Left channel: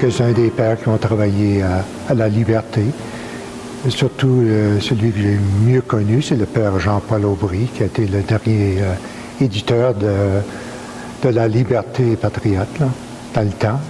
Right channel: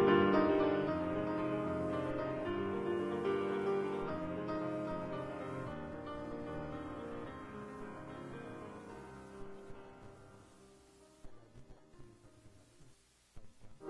quelques-uns des pères qui ont travaillé à la Liberté. Et surtout, celui que j'ai mieux connu, c'est le père Jean-Paul Aubry, qui a été le dernier éditeur de la Liberté patriote, là, dans le temps.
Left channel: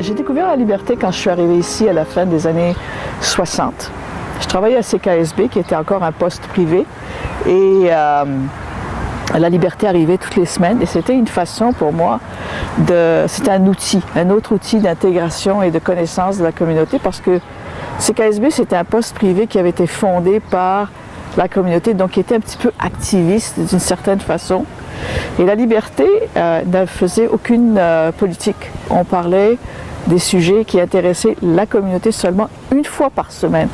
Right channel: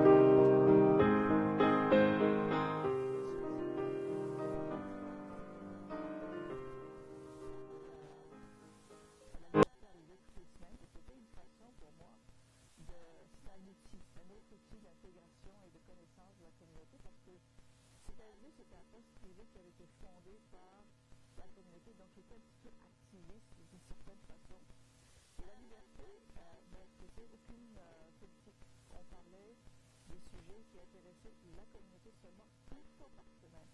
J'ai découvert la Liberté quand je suis arrivée ici à la fin des années 60. Je travaillais à CKSB, qui était encore un poste privé, et la Liberté arrivait toutes les semaines, et c'était une façon pour moi c'était un autre outil d'intégration et de connaissance de la communauté, parce que CKSB, c'était un poste privé qui avait été fondé par la communauté, donc qui était un petit peu activiste d'une certaine façon. Et la Liberté ne faisait aucune politique. On parlait des sujets qui intéressaient la communauté seulement une fois par semaine.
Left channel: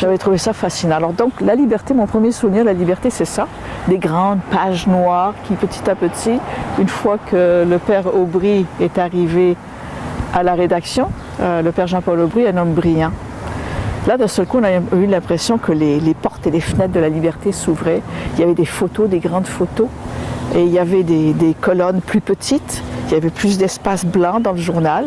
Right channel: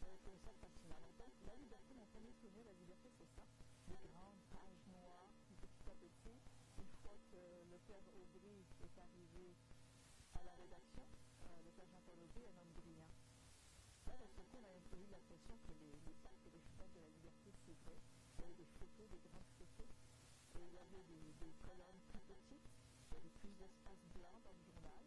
J'avais trouvé ça fascinant. Alors donc, la Liberté, mon premier souvenir de la Liberté, c'est ça, des grandes pages noires qui, petit à petit, une fois que le père Aubry est arrivé à la rédaction, le père Jean-Paul Aubry, un homme brillant. Là, d'un seul coup, on a eu l'impression que les portes et les fenêtres de la Liberté s'ouvraient. Il y avait des photos, des grandes photos, et il y avait des colonnes plus petites, il y avait plus d'espace blanc dans le journal.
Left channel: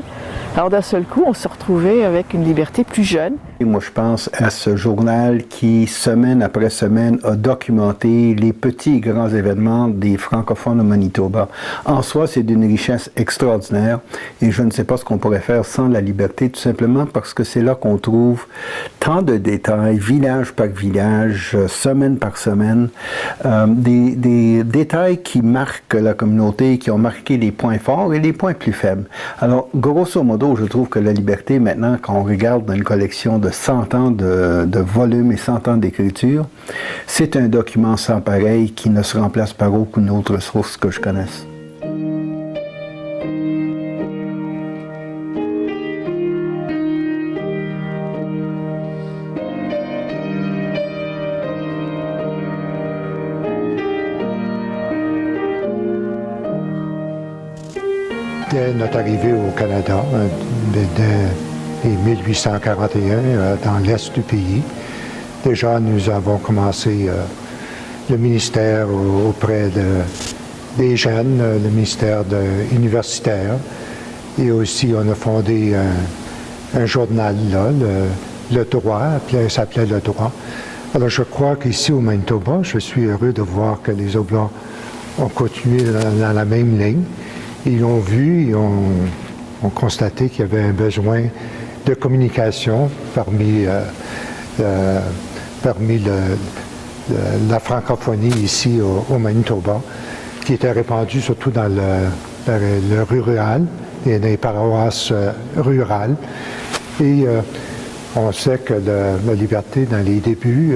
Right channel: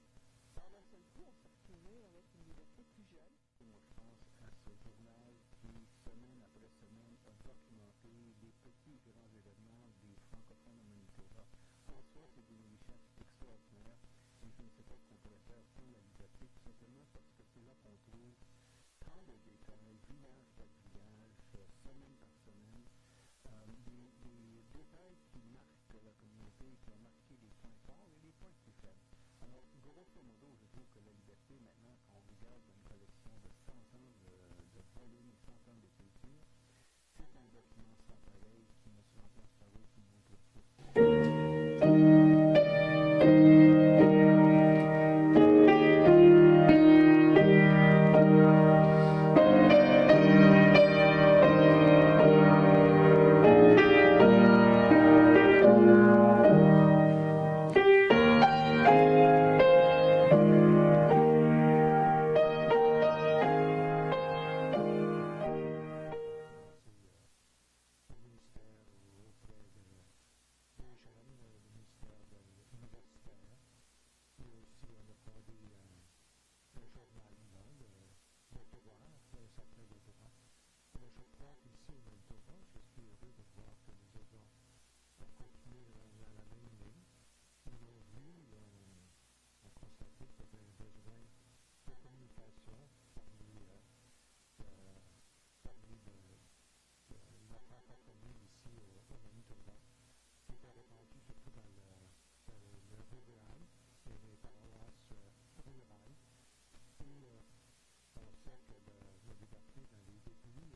Alors d'un seul coup, on se retrouvait avec une Liberté plus jeune. Et moi, je pense à ce journal qui, semaine après semaine, a documenté les petits et grands événements des francophones au Manitoba. En soi, c'est d'une richesse extraordinaire et je ne sais pas ce qu'on pourrait faire sans la Liberté, tout simplement parce que c'est là qu'on trouve tant de détails, village par village, semaine par semaine, des détails qui marquent la communauté, qui ont marqué les points forts et les points plus faibles. Alors, grosso modo, je trouve que la Liberté, maintenant, quand on regarde dans une collection de 100 ans de volumes et 100 ans d'écriture, c'est un document sans pareil qui ne se remplace par aucune autre source que je connaisse. Dès notre arrivée au Canada, dès 1841, dans l'est du pays, déjà nous avons commencé le ministère auprès des jeunes, le ministère universitaire, et aussi on a fondé un journal là, le Droit, s'appelait Le Droit. Alors je crois qu'ici au Manitoba, je suis heureux de voir que les Oblats ont continué dans la même ligne. Ils ont vu, ils ont constaté qu'il y avait un besoin de communication parmi la francophonie ici au Manitoba, qui était répandue surtout dans le rural et dans les paroisses rurales. Et on sait que la Liberté, dans les débuts,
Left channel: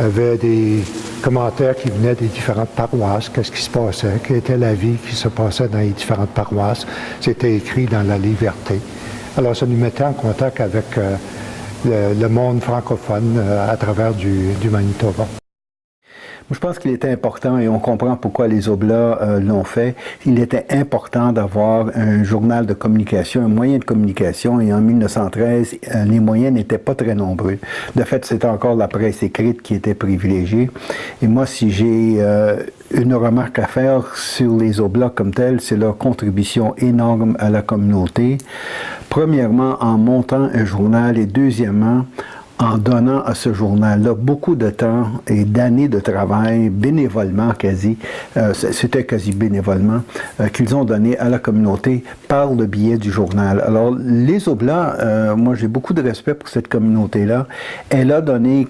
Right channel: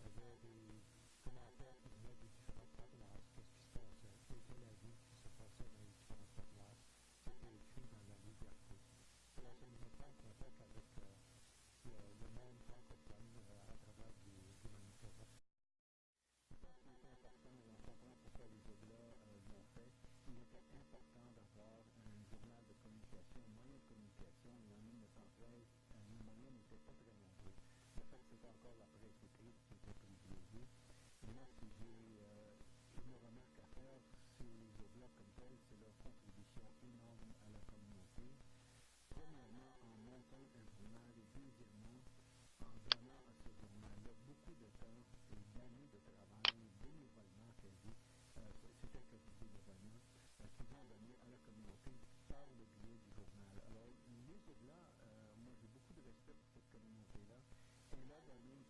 avait des commentaires qui venaient des différentes paroisses, qu'est-ce qui se passait, quelle était la vie qui se passait dans les différentes paroisses. C'était écrit dans la Liberté. Alors ça nous mettait en contact avec le monde francophone à travers du Manitoba. Je pense qu'il était important, et on comprend pourquoi les Oblats l'ont fait, il était important d'avoir un journal de communication, un moyen de communication, et en 1913, les moyens n'étaient pas très nombreux. De fait, c'était encore la presse écrite qui était privilégiée. Et moi, si j'ai une remarque à faire sur les Oblats comme tels, c'est leur contribution énorme à la communauté. Premièrement, en montant un journal, et deuxièmement, en donnant à ce journal-là beaucoup de temps et d'années de travail, bénévolement quasi, c'était quasi bénévolement, qu'ils ont donné à la communauté par le biais du journal. Alors, les Oblats, moi j'ai beaucoup de respect pour cette communauté-là. Elle a donné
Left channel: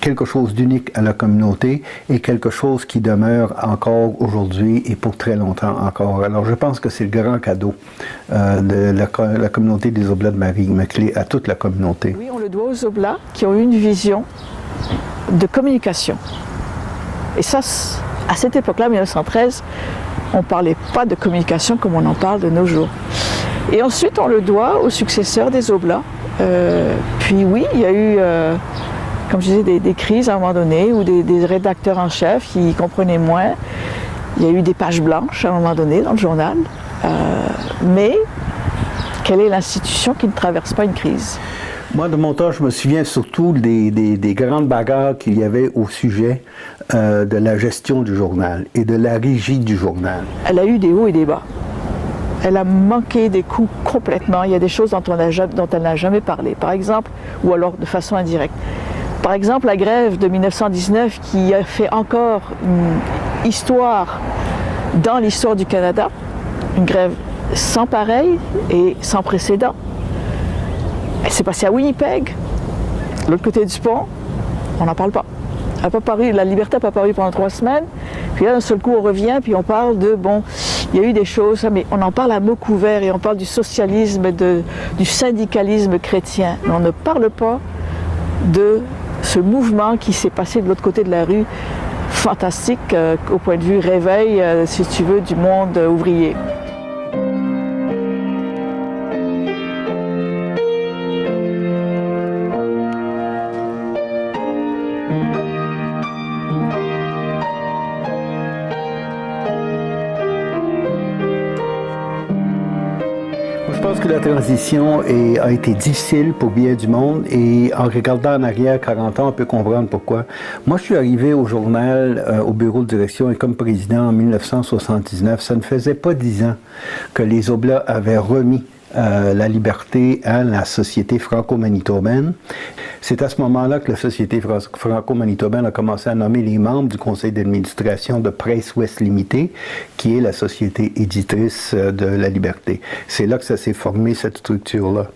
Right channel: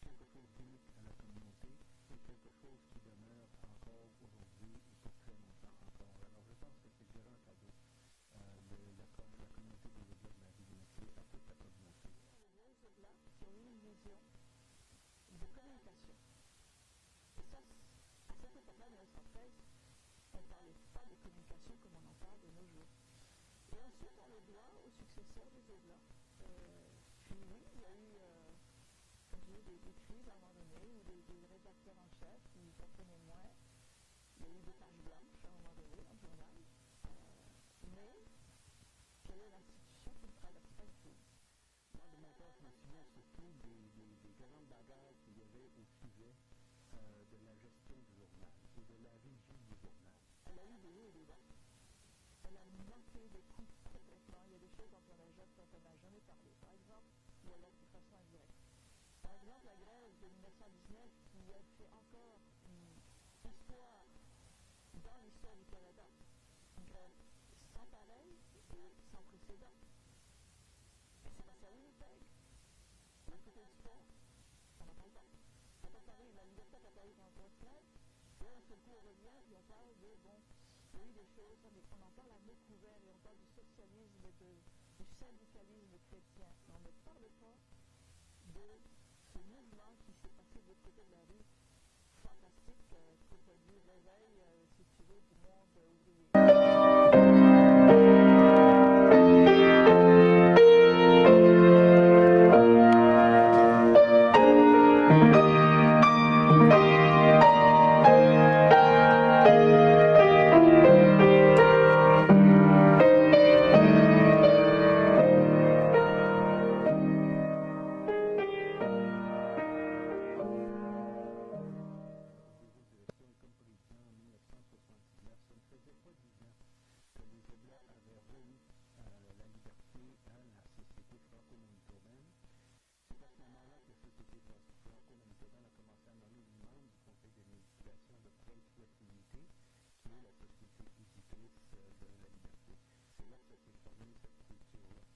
quelque chose d'unique à la communauté et quelque chose qui demeure encore aujourd'hui et pour très longtemps encore. Alors, je pense que c'est le grand cadeau de la communauté des Oblats de Marie-Immaculée à toute la communauté. Oui, on le doit aux Oblats qui ont eu une vision de communication. Et ça, à cette époque-là, 1913, on ne parlait pas de communication comme on en parle de nos jours. Et ensuite, on le doit aux successeurs des Oblats. Puis oui, il y a eu... comme je disais, des crises à un moment donné, ou des rédacteurs en chef qui comprenaient moins. Il y a eu des pages blanches à un moment donné dans le journal. Mais quelle est l'institution qui ne traverse pas une crise? Moi, de mon temps, je me souviens surtout des grandes bagarres qu'il y avait au sujet de la gestion du journal et de la régie du journal. Elle a eu des hauts et des bas. Elle a manqué des coups complètement. Il y a des choses dont elle n'a jamais parlé, par exemple, ou alors de façon indirecte. Par exemple, la grève de 1919 qui a fait encore une histoire dans l'histoire du Canada, une grève sans pareil et sans précédent. Elle s'est passée à Winnipeg, de l'autre côté du pont, on n'en parle pas. Elle a pas paru, la liberté n'a pas paru pendant 3 semaines, puis là d'un seul coup on revient, puis on parle de, bon, il y a eu des choses, mais on en parle à mots couverts et on parle du socialisme, du syndicalisme chrétien, mais on ne parle pas de ce mouvement qui s'est passé de l'autre côté de la rue, fantastique au point de vue réveil, si tu veux, du monde ouvrier. A été difficile pour bien du monde et en regardant en arrière 40 ans, on peut comprendre pourquoi. Moi, je suis arrivé au journal, au bureau de direction et comme président en 1979. Ça ne faisait pas 10 ans que les Oblats avaient remis la liberté à la Société franco-manitobaine. C'est à ce moment-là que la Société franco-manitobaine a commencé à nommer les membres du conseil d'administration de Presse Ouest Limitée, qui est la société éditrice de la liberté. C'est là que ça s'est formé, cette structure-là.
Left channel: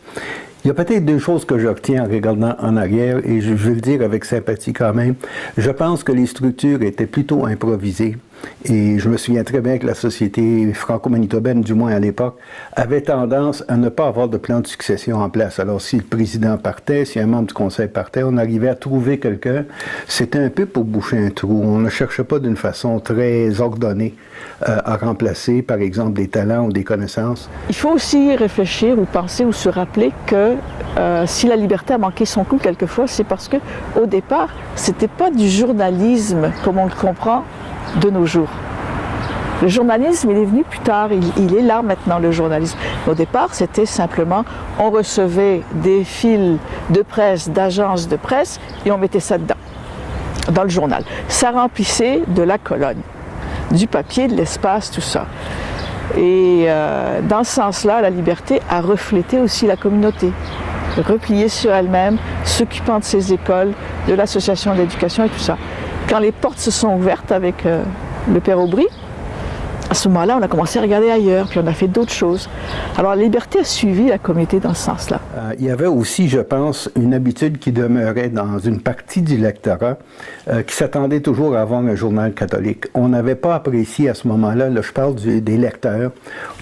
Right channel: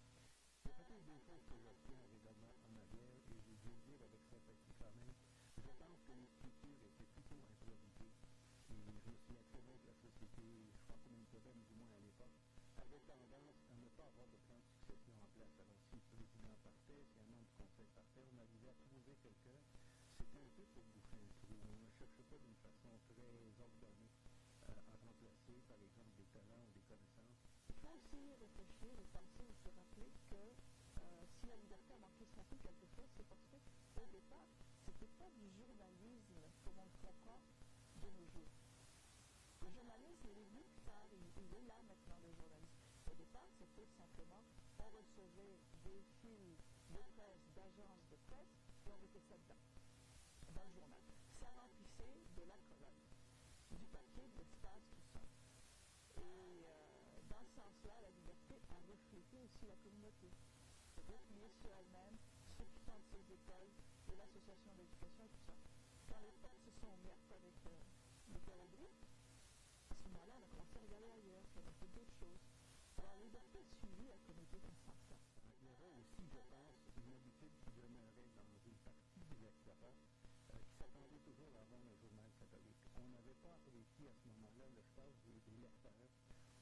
Il y a peut-être 2 choses que je retiens en regardant en arrière, et je veux le dire avec sympathie quand même. Je pense que les structures étaient plutôt improvisées. Et je me souviens très bien que la société franco-manitobaine, du moins à l'époque, avait tendance à ne pas avoir de plan de succession en place. Alors, si le président partait, si un membre du conseil partait, on arrivait à trouver quelqu'un. C'était un peu pour boucher un trou. On ne cherchait pas d'une façon très ordonnée à remplacer, par exemple, des talents ou des connaissances. Il faut aussi réfléchir ou penser ou se rappeler que si la liberté a manqué son coup quelquefois, c'est parce qu'au départ, c'était pas du journalisme comme on le comprend de nos jours. Le journalisme, il est venu plus tard, il est là maintenant, le journalisme. Au départ, c'était simplement, on recevait des fils de presse, d'agences de presse, et on mettait ça dedans, dans le journal. Ça remplissait de la colonne, du papier, de l'espace, tout ça. Et dans ce sens-là, la liberté a reflété aussi la communauté, repliée sur elle-même, s'occupant de ses écoles, de l'association d'éducation et tout ça. Quand les portes se sont ouvertes avec le père Aubry, à ce moment-là, on a commencé à regarder ailleurs, puis on a fait d'autres choses. Alors, la liberté a suivi la communauté dans ce sens-là. Il y avait aussi, je pense, une habitude qui demeurait dans une partie du lectorat qui s'attendait toujours à avoir un journal catholique. On n'avait pas apprécié à ce moment-là, là, je parle des lecteurs,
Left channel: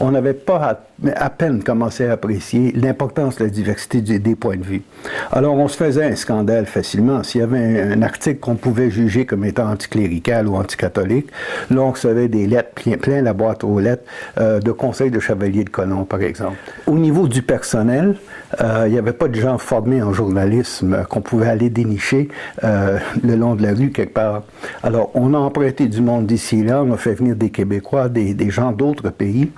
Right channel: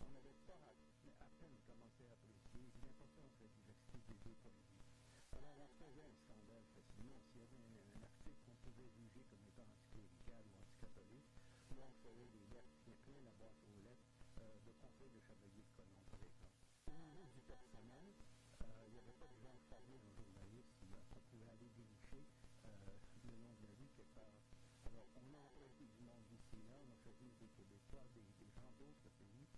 on n'avait pas à peine commencé à apprécier l'importance de la diversité des points de vue. Alors, on se faisait un scandale facilement. S'il y avait un article qu'on pouvait juger comme étant anticlérical ou anticatholique, là, on recevait des lettres, plein la boîte aux lettres, de conseils de chevaliers de colon, par exemple. Au niveau du personnel, il n'y avait pas de gens formés en journalisme qu'on pouvait aller dénicher le long de la rue quelque part. Alors, on a emprunté du monde d'ici et là, on a fait venir des Québécois, des gens d'autres pays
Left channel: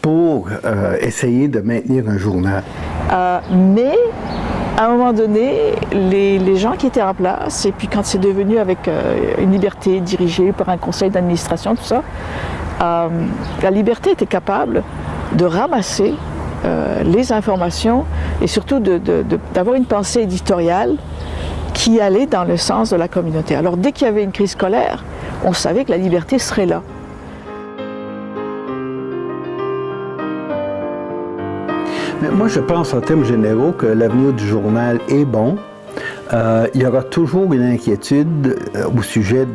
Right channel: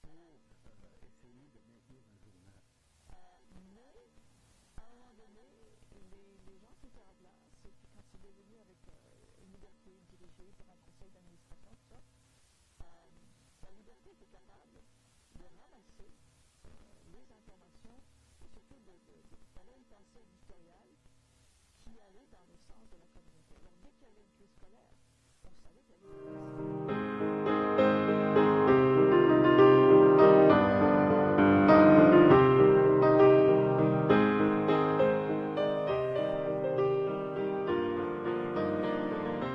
pour essayer de maintenir un journal. Mais, à un moment donné, les gens qui étaient en place, et puis quand c'est devenu avec une liberté dirigée par un conseil d'administration, tout ça, la liberté était capable de ramasser les informations et surtout d'avoir une pensée éditoriale qui allait dans le sens de la communauté. Alors dès qu'il y avait une crise scolaire, on savait que la liberté serait là. Mais moi, je pense en termes généraux que l'avenir du journal est bon. Il y aura toujours une inquiétude au sujet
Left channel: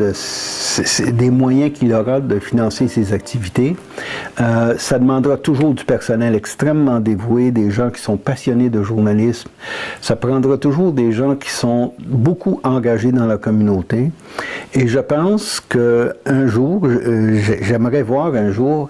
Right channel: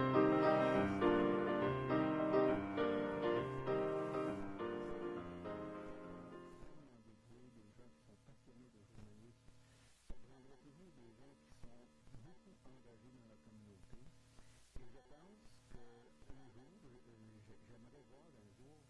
des moyens qu'il aura de financer ses activités. Ça demandera toujours du personnel extrêmement dévoué, des gens qui sont passionnés de journalisme. Ça prendra toujours des gens qui sont beaucoup engagés dans la communauté. Et je pense qu'un jour, j'aimerais voir un jour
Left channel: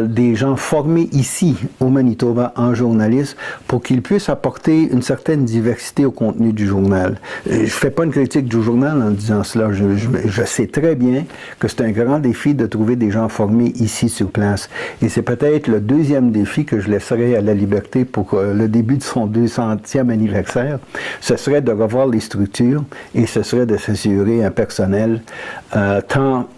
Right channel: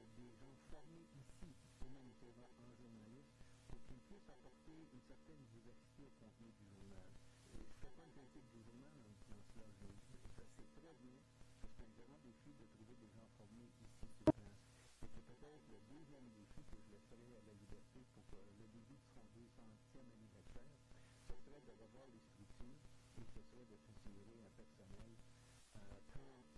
des gens formés ici au Manitoba en journalisme pour qu'ils puissent apporter une certaine diversité au contenu du journal. journal. Je ne fais pas une critique du journal en disant cela. Je sais très bien que c'est un grand défi de trouver des gens formés ici sur place. Et c'est peut-être le deuxième défi que je laisserai à La Liberté pour le début de son 200e anniversaire. Ce serait de revoir les structures et ce serait de s'assurer un personnel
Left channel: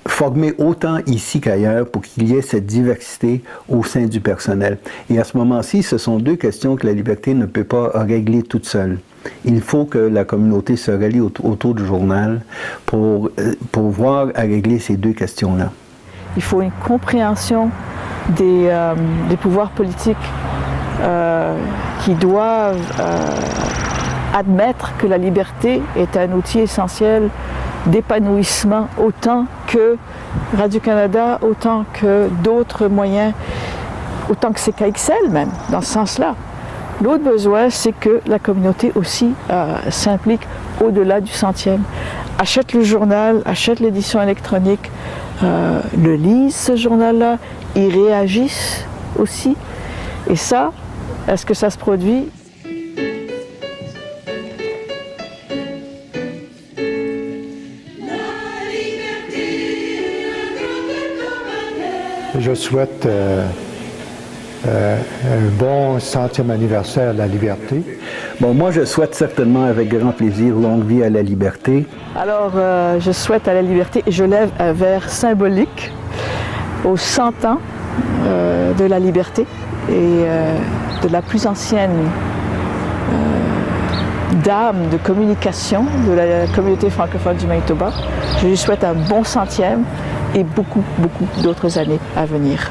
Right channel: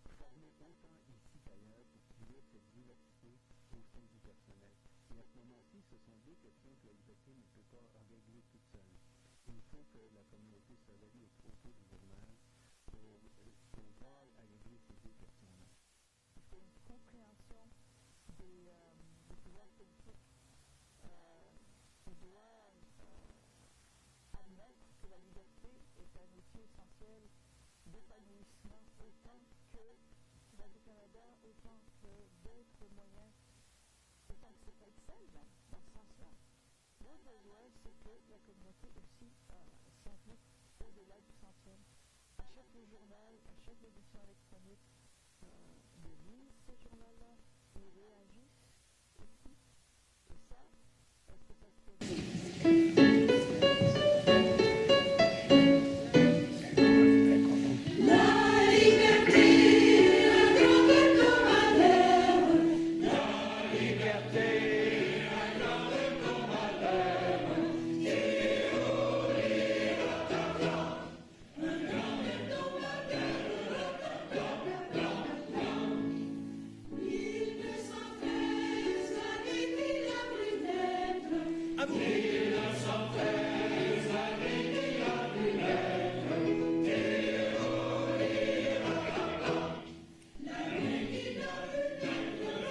formé autant ici qu'ailleurs pour qu'il y ait cette diversité au sein du personnel. Et à ce moment-ci, ce sont deux questions que La Liberté ne peut pas régler toute seule. Il faut que la communauté se rallie autour du journal pour voir à régler ces deux questions-là. Il faut une compréhension des pouvoirs politiques qui doivent admettre que la liberté est un outil essentiel d'épanouissement autant que Radio-Canada, autant que d'autres moyens, autant que CKXL même, dans ce sens-là. L'autre besoin, c'est que la communauté aussi s'implique au-delà du 100e. Achète le journal, achète l'édition électronique, le lisent ce journal-là, y réagissent aussi. Et ça, est-ce que ça se produit? Je souhaite un bon 100e anniversaire à La Liberté. Bon, moi, je souhaite certainement avec grand plaisir longue vie à La Liberté. Alors, je souhaite à La Liberté, et je lève un verre symbolique aux 100 ans de La Liberté et de la plus ancienne dame de communication de la communauté francophone du Manitoba. Je lui souhaite un bon 100e et beaucoup, beaucoup d'autres années à venir.